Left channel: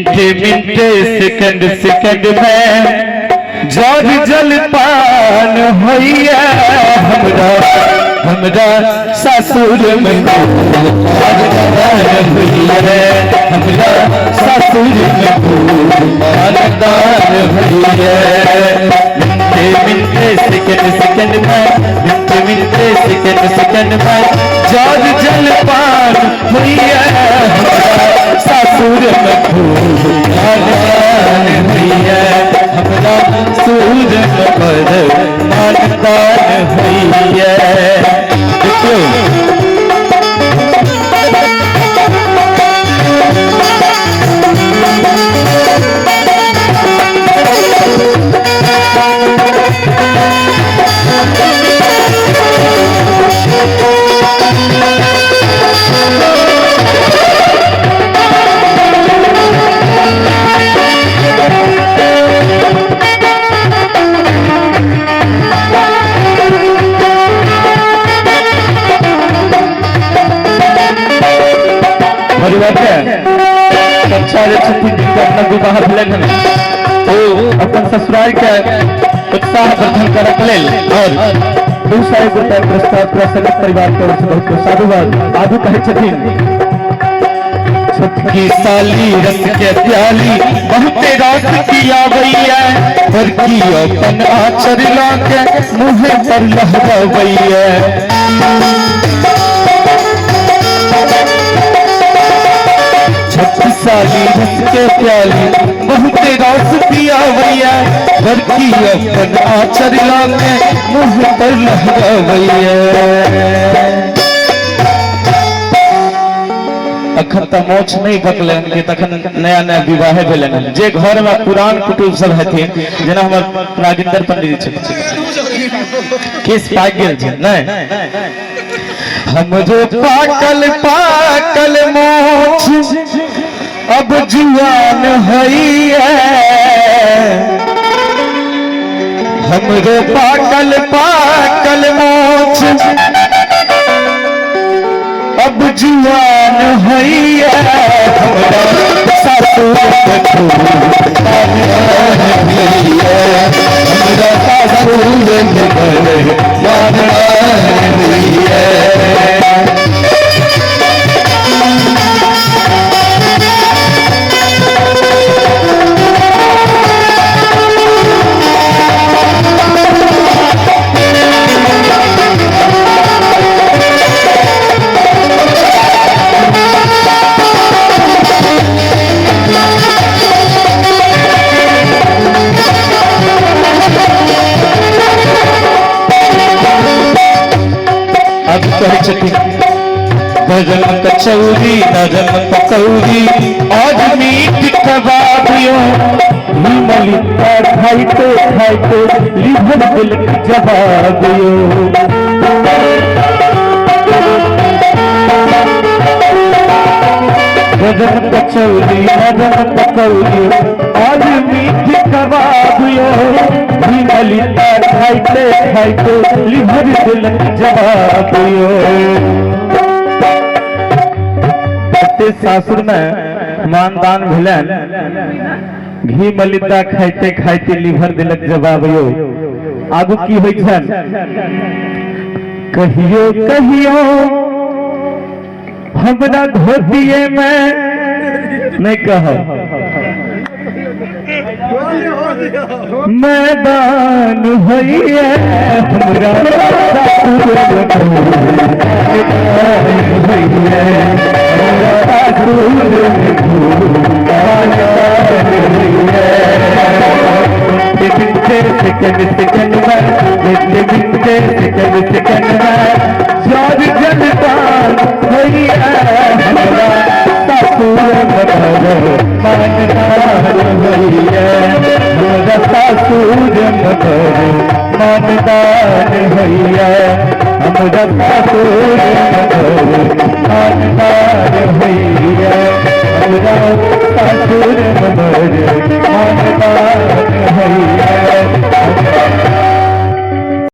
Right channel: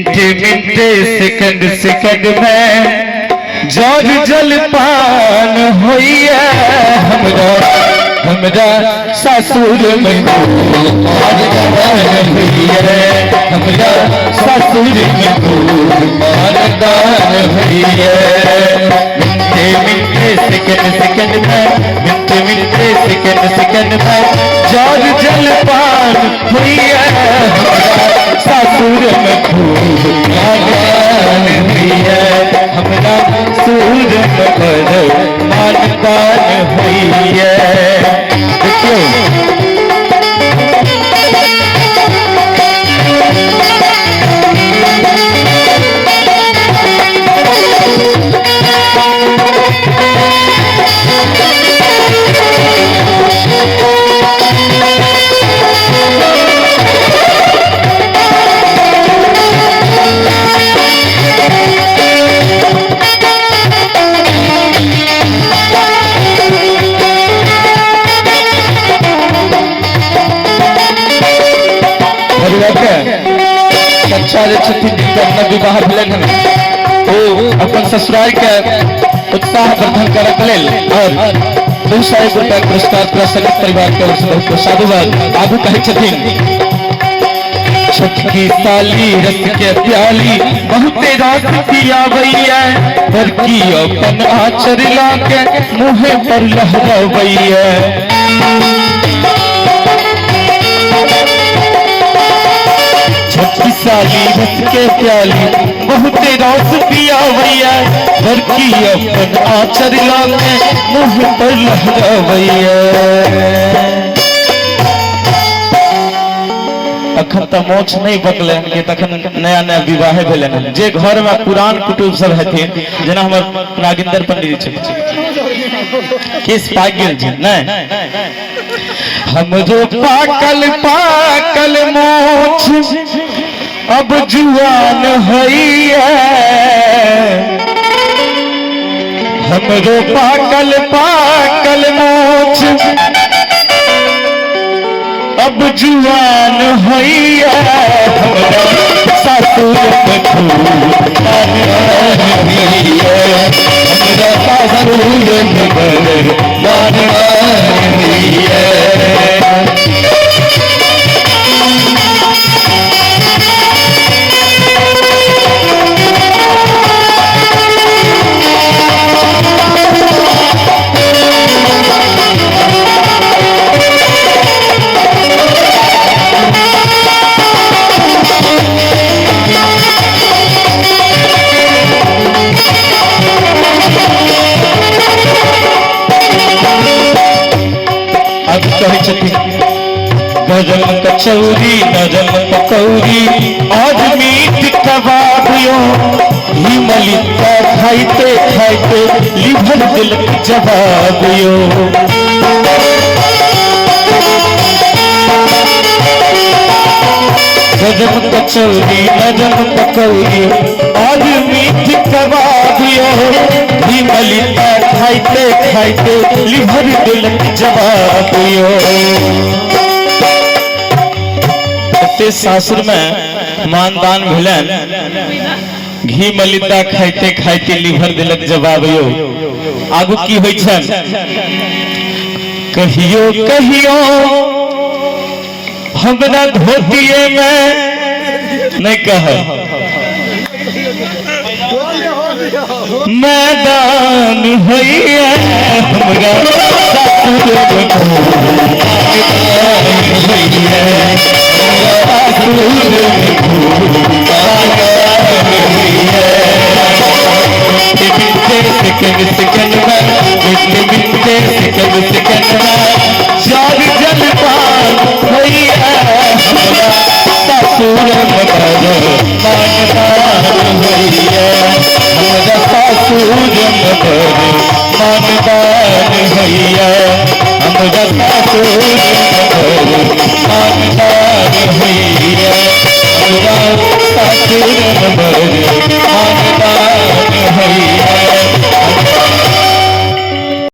मिनटे मिनटे second second में जब जल पान होइया हमरा हमरा ससुर में हमरा ससुर में मिनटे सेकंड सेकंड में मिनटे सेकंड सेकंड में जब जल पान होइया ससुर में खूब हमरा सूर मानदान हुई विवाह भेलन अपन ससुराल के उत्साह वर्धन करक लेल और 200 रुपया पुरस्कार प्रसन्न परिवार के ओर से बहुत साधुवाद आगू कहे छथिन। छोटकी साली रस के प्याली बहुते रात पिया भैया पर की अपन आचर लाके मुहे पर लहरावैया साली बस के प्याली बहुते रास पिया भैया घर की अपन आचर लाके मुँह पर लहरावैया अखन तो मोछ नहीं बकलन के तखन नया नया विवाह भेलन जे घर में पुरान कुटुंब सब हथिन जेना हमर नागिंदर पंडित छै केस पाक गेल छै नहीं हम जो पाकल पाकल मोछ अब जुआन होइया हमरो पाकल पाकल मोछ अब जुआन होइया ससुर में खूब हमरा ससुर में भजन कचौरी आज मीट कबाबियों हिमलिता खाइते खाइते लिभर दिल जवाबियों भजन कचौरी आज मीट कबाबियों हिमलिता खाइते खाइते लिभर दिल जवाबियों सासुर में मानदान भेलन घी मलिदा खाइते खाइते लिभर दिलक जवाबियो आगू की होय छन कहियो कहियो हमरा धोतिए में नहीं कह मैदान होइया हमरा सेकंड सेकंड जब जल पान होइया ससुर मानदान होइया ससुर मानदान होइया हमरा ससुर मानदान होइया हमरा ससुर मानदान होइया